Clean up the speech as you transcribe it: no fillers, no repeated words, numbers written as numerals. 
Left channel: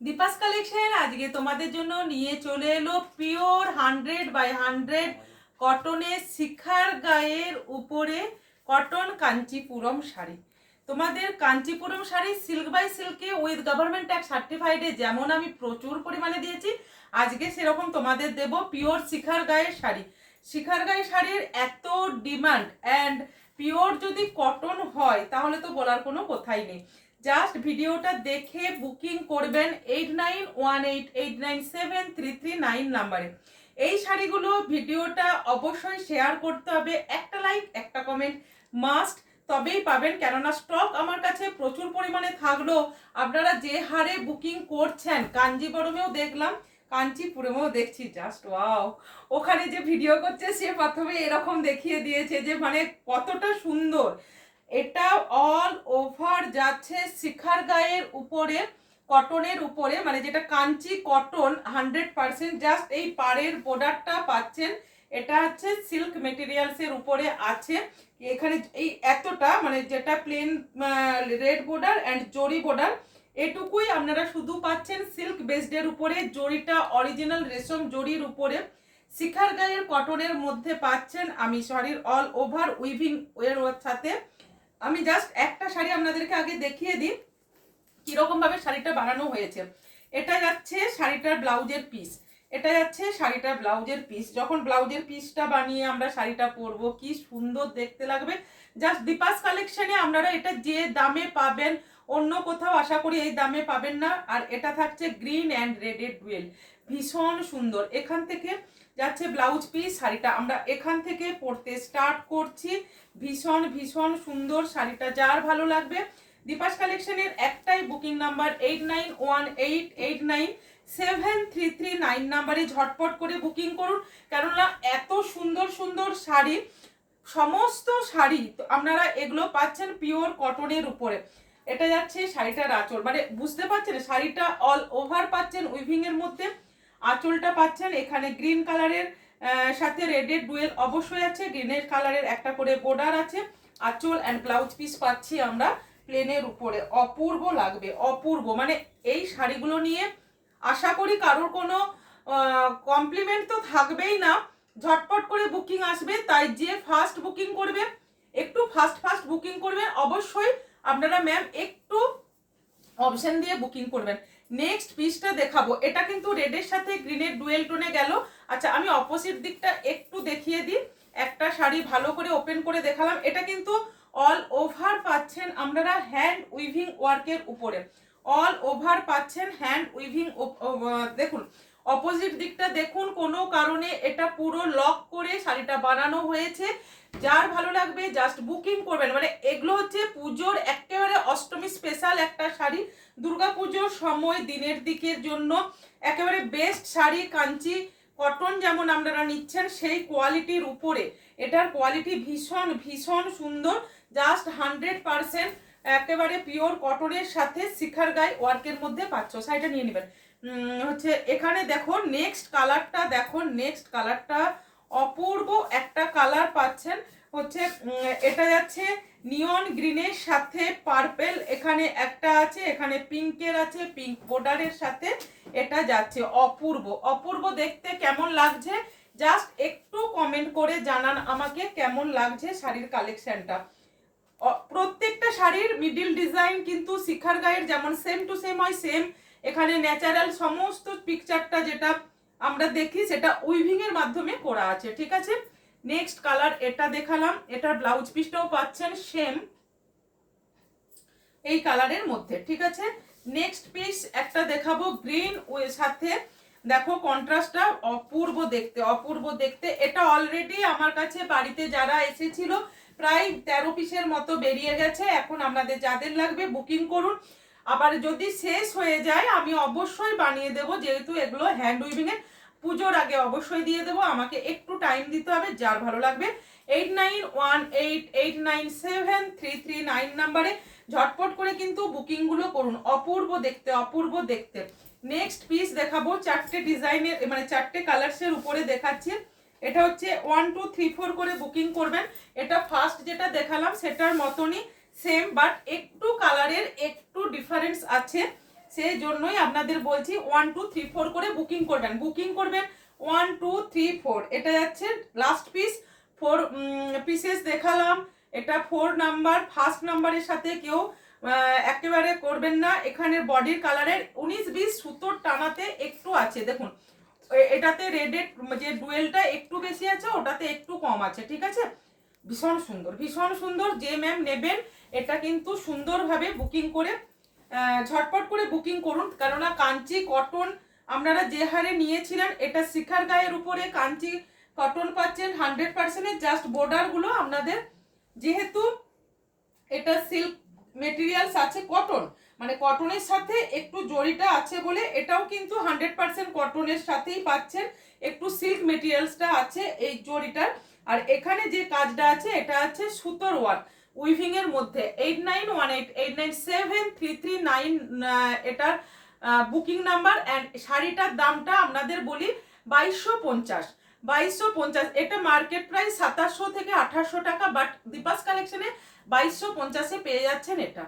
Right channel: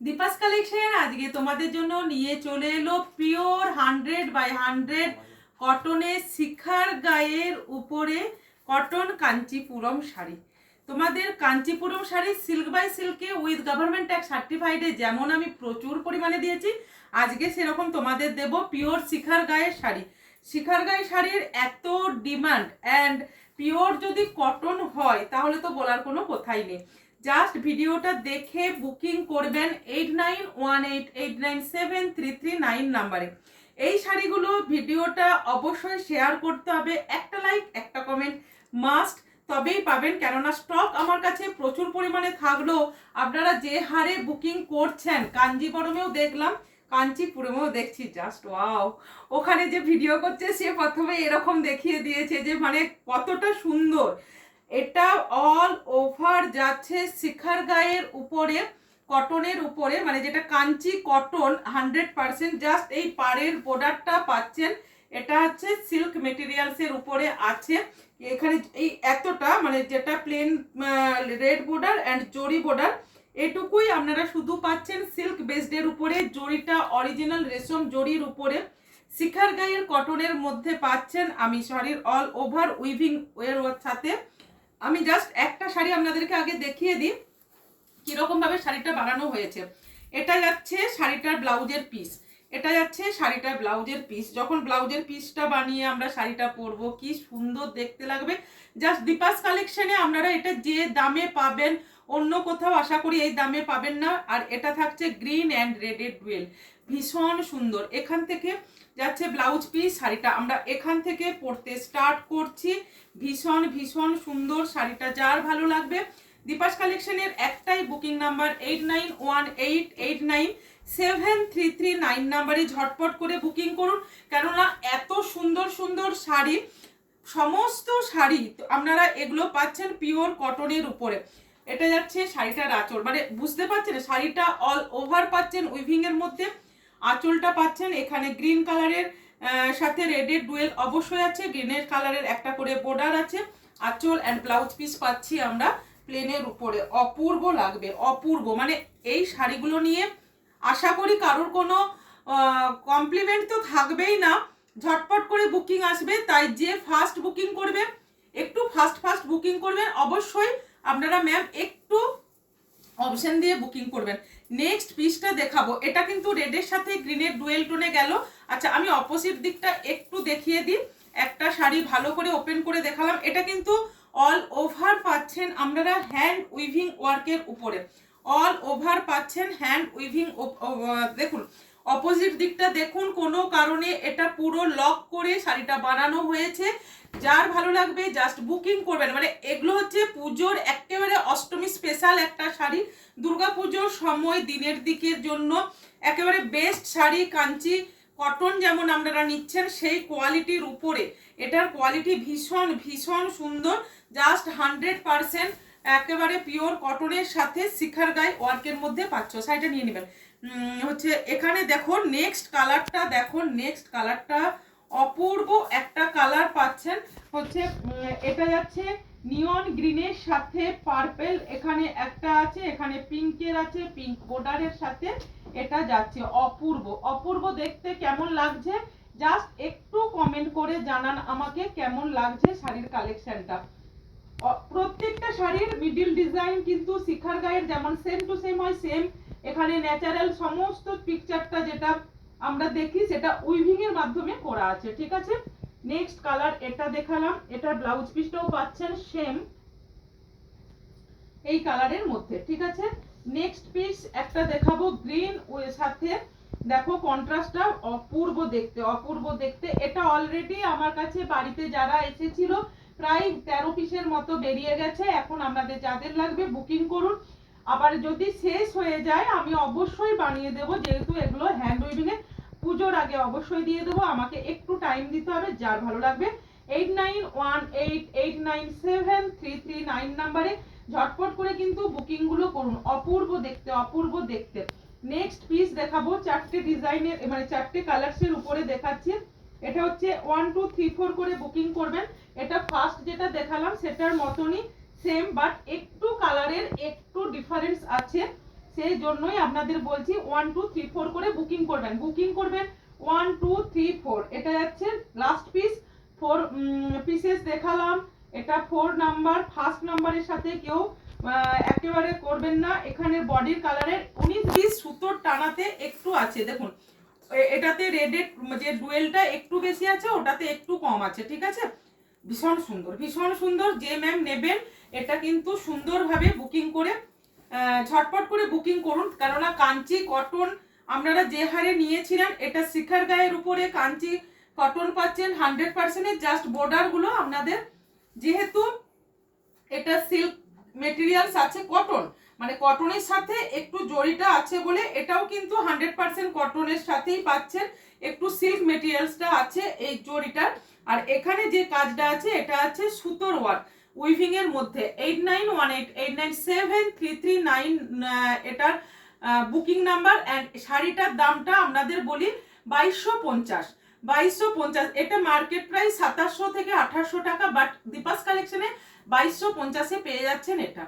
Deepa's collection আজকে তোমাদের জন্য নিয়ে চলে এলো পিওর 100/100 কটনের শিখার গায়ের উপরে কটন কাঞ্চিপুরম শাড়ি। তোমাদের কাঞ্চিপুরম শাড়ি সিল্ক বাই সিল্কে উইথ গভর্নমেন্ট ট্যাক্স সার্টিফাইডে যেমন আমি প্রচুর পরিমাণে দিয়েছি, আজকে সেরকম তোমাদের দেব পিওর শিখার গায়ের শাড়ি। শিখার গায়ে শাড়ির এত ডিমান্ড, অ্যান্ড পিওর যদি কটন হয় তাহলে তো বলার কোনো কথাই নেই। জাস্ট ভিডিওটা দেখে বুকিং করবেন 8918897339 নাম্বারে। এই শাড়িগুলো ভিডিওটা অবশ্যই শেয়ার করতে হবে, একটা লাইক একটা কমেন্ট মাস্ট, তবেই পাবেন। কেননা স্টক আমার কাছে প্রচুর পরিমাণে থাকলেও আপনারা যে হারে বুকিং করছেন, কাঞ্জিবরমেও দেখলাম, কাঞ্চিপুরমেও দেখছি, জাস্ট ওয়াও। ওখানে যে ভিডিও করছে সে প্রথমে এরকম দেখিয়ে দিয়েছে যে মানে কতটা সুন্দর। এটা অল ওভার যাচ্ছে শিখার গায়ের উপরে কটনের উপরে, মানে যেটা কাঞ্চি কটন 100%। জাস্ট এই পাড়ের বর্ডারটা পাচ্ছেন, এটা হচ্ছে সিল্ক মেটেরিয়ালসের উপরে আছে। এখানে এই এতটা মানে যেটা প্লেন রেড বর্ডার অ্যান্ড জরি বর্ডার, এটুকুই আপনারা শুধু পাচ্ছেন সিল্ক বেসডের উপরে, জরিটা অরিজিনাল রেশম জরির উপরে শিখার গায়ের কটনের মধ্যে পাচ্ছেন। আমি শাড়ির অল ওভার উইভিং এর সাথে আমি জাস্ট একটা শাড়ি আপনাদেরকে আগে দেখিয়ে দিই কিরকম ভাবে শাড়িটা বানানো হয়েছে। এটা যাচ্ছে শাড়িটার ব্লাউজের পিস, এটা যাচ্ছে শাড়িটার ব্লাউজের পিস। যখন ব্লাউজের পিসটা বানিয়ে আমরা শাড়িটা পরবো কি সুন্দর দেখতে লাগবে। জাস্ট দীপাস কালেকশনে আপনারা এটা যে দামে পাবেন অন্য কোথাও আশা করি এই দামে পাবেন না। আর এটা থাকছে গ্রিন অ্যান্ড রেডের ডুয়েল, ভীষণ সুন্দর। এখান থেকে যাচ্ছে ব্লাউজ পিস, শাড়িটা আমরা এখান থেকে পরতে স্টার্ট করছি। ভীষণ ভীষণ সুন্দর শাড়িটা, যার ভালো লাগবে দীপাস কালেকশনের একটাই বুকিং নাম্বার 8918897339 নাম্বারে ঝটপট করে বুকিং করুন। কেননা এত সুন্দর সুন্দর শাড়ি, সমস্ত শাড়ি আপনারা এগুলো পাচ্ছেন পিওর কটনের উপরে। এটা যাচ্ছে শাড়িটার আঁচল, মানে বুঝতে পারছেন শাড়িটা অল ওভার পাচ্ছেন উইভিং এর মধ্যে। আঁচলটা পাচ্ছেন এখানে গ্রিন কালারের সাথে রেডের ডুয়েল অবশ্যই আছে, গ্রিনের কালারের একটা করে বর্ডার আছে। আঁচল অ্যান্ড ব্লাউজ পিস পাচ্ছি আমরা প্লেনের উপরে। অপূর্ব লাগবে, অপূর্ব। মানে এই শাড়িগুলো নিয়ে আশা করি কারোর কোনো কমপ্লিমেন্ট তো থাকবেই না, ঝটপট করে বুকিং আসবে। তাই যে ফার্স্ট বুকিং করবে একটু ফার্স্ট বুকিং করবেন অবশ্যই আপনারা ম্যাম, একটু অপশন দিয়ে বুকিং করবেন। নেক্সট পিসটা দেখাবো, এটা কিন্তু রেডের সাথে গ্রিনের ডুয়েল টোনে গেল। আচ্ছা আমি অপোজিট দিকটা একটু দেখিয়ে দিই। একটা শাড়ি ভালো করে ওপেন করে দেখালাম, এটা কিন্তু অল ওভার পাচ্ছেন আপনারা হ্যান্ড উইভিং ওয়ার্কের উপরে, অল ওভার পাচ্ছেন হ্যান্ড উইভিং। দেখুন অপোজিট দিকটা দেখুন, কোনো কারণে এটা পুরো লক করে শাড়িটা বানানো হয়েছে। যার ভালো লাগবে জাস্ট বুকিং করবেন। মানে এগুলো হচ্ছে পুজোর একেবারে অষ্টমী স্পেশাল একটা শাড়ি, দুর্গা পুজোর সময় দিনের দিকের জন্য একেবারে বেস্ট শাড়ি। কাঞ্চি কটন যেমন আপনারা নিচ্ছেন সেই কোয়ালিটির উপরে এটার কোয়ালিটি ভীষণ ভীষণ সুন্দর। জাস্ট 100% একেবারে পিওর কটনের সাথে শিখার গায়ে ওয়ার্কের মধ্যে পাচ্ছ। শাড়িটা নিয়ে নেবেন। হচ্ছে এখানে দেখো নেক্সট কালারটা, দেখো নেক্সট কালারটা অপূর্ব একটা কালার পাচ্ছেন। হচ্ছে এটা যাচ্ছে নিয়ন গ্রিনের সাথে পার্পেল, এখানে একটা আছে, এখানে পিঙ্কের আছে, পিঙ্ক বর্ডারের সাথে এটা যাচ্ছে। অপূর্ব অপূর্ব দেখতে, কেমন লাগছে জাস্ট একটু কমেন্ট করে জানান আমাকে কেমন লাগছে শাড়ির কালেকশনটা। প্রত্যেকটা শাড়ির মিডিল ডিজাইন কিন্তু শিখার গায়ের যেমন সেম টু সেম হয়, সেম এখানে ন্যাচারাল সমস্ত পিকচারটা যেটা আমরা দেখি সেটা উইভিং এর মাধ্যমে করা আছে, ঠিক আছে। নেক্সট কালার এটা দেখালাম, এটার ব্লাউজ পিসটাও পাচ্ছেন সেম এই কালারের মধ্যে, ঠিক আছে। নেক্সট পিস একটা দেখাবো গ্রিন ওর সাথে, দেখো কন্ট্রাস্টটা অপূর্ব দেখতে, অপূর্ব দেখতে। এটা অলরেডি আমার কাছে বাড়িতে যারা এসেছিল প্রায় 13 পিসের মতো বেরিয়ে গেছে। এখন আপনাদের যাদের লাগবে বুকিং করুন। আবার যদি শেষ হয়ে যায় আমি অবশ্যই বানিয়ে দেব, যেহেতু এগুলো হ্যান্ড উইভিং এর, পুজোর আগে অবশ্যই দিয়ে দেবো। আমাকে একটু টাইম দিতে হবে। যার ভালো লাগবে 8918897339 নাম্বারে ঝটপট করে কিন্তু বুকিং গুলো করুন। অপূর্ব দেখতে, অপূর্ব দেখতে। নেক্সট পিস দেখাবো চারটে ডিজাইনের, মানে চারটে কালার্সের উপরে দেখাচ্ছি। এটা হচ্ছে 1 2 3 4 করে বুকিং করবেন। এটা ফার্স্ট যেটা দেখালাম সেটার মতনই সেম, বাট একটু কালারের একটু ডিফারেন্স আছে। সেই জন্যই আপনাদের বলছি 1 2 3 4 করে বুকিং করবেন 1 2 3 4। এটা যাচ্ছে লাস্ট পিস, 4 পিসেস দেখালাম। এটা 4 নাম্বার, ফার্স্ট নাম্বারের সাথে কেউ একেবারে করবেন না। এখানে বডির কালারের 19-20 সুতোর টানাতে একটু আছে, দেখুন এটাতে রেডের যে ডুয়েলটা একটু বেশি আছে, ওটাতে একটু কম আছে, ঠিক আছে। ভীষণ সুন্দর, যে ম্যাম নেবেন এটা কিন্তু সুন্দরভাবে বুকিং করে ঝটপট করে বুকিং করুন, কেননা কাঞ্চি কটন আপনারা যে হারে নিয়েছিলেন, এটা শিখার গায়ের উপরে কাঞ্চি কটন পাচ্ছেন 100%। জাস্ট বর্ডারগুলো আপনাদের, যেহেতু এটা সিল্ক মেটেরিয়ালস আছে, কটন মানে কটনের সাথে একটু জরিটা আছে বলে এটাও কিন্তু 100% কটনের সাথেই পাচ্ছেন, একটু সিল্ক মেটেরিয়ালসটা আছে এই জরিটার। আর এখানে যে কাজটা আছে এটা আছে সুতোর ওয়ার্ক উইভিং এর মধ্যে। 8918897339 এটার বুকিং নাম্বার। অ্যান্ড শাড়িটার দামটা আপনাদের বলি 2250। এটা মার্কেট প্রাইস 2700 থেকে 2800 টাকা, বাট দীপাস কালেকশনে 2250-এ পেয়ে যাচ্ছেন এটা।